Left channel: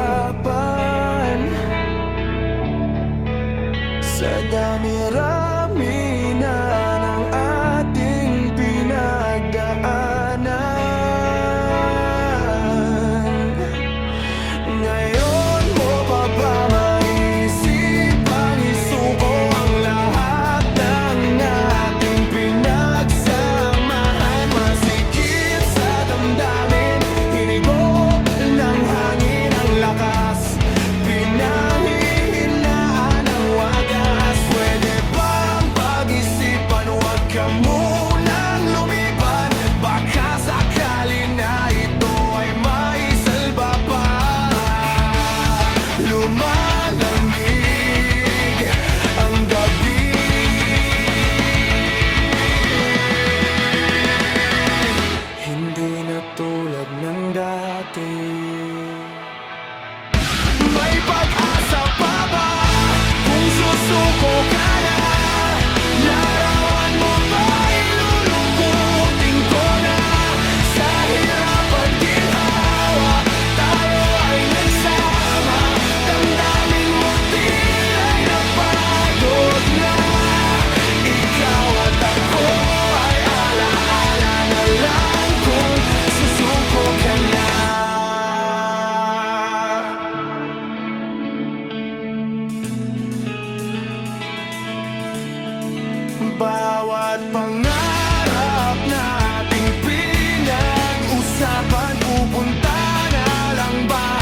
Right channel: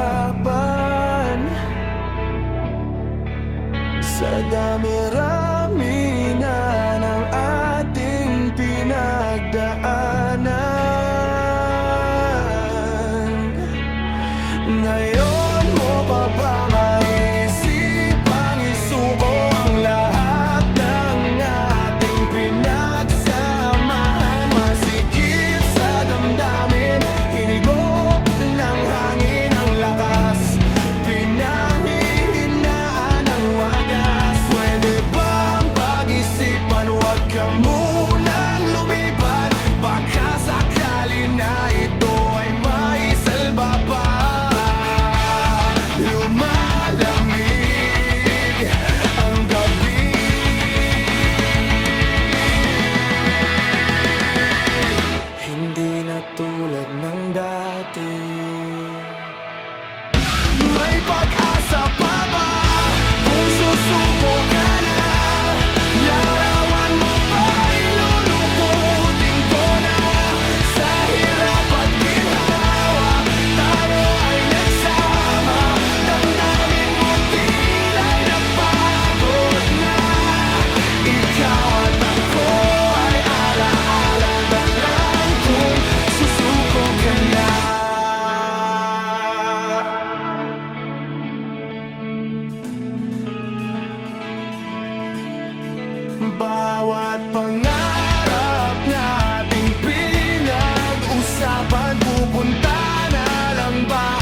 hirapan. Sa dami-rami na ng ating pinagdaanan, ngayon mo pa ba maisipang isuko ang lahat ng ating pinagsamahan? Masikip sa damdamin, hinigop ng hangin ang lakas, pinahihinaan ang wagas. Pwede bang pag-isipan, huwag ka munang lumiban? Baka sakali na ito ay maisalba pa. Lumalamig ang gabi, hindi na tulad ng dati. May pag-asa pa ba kung susuko ka na? Larawan mo ba ilulukutin ko na? Sa hirap at ginhawa, tayo ay nagsama. Damdamin mo tila'y napagod na. Ikaw at ako ay alaala na lang kung susuko ka na. Bawat pangarap nating pinag-usapan, pupunta na lang ba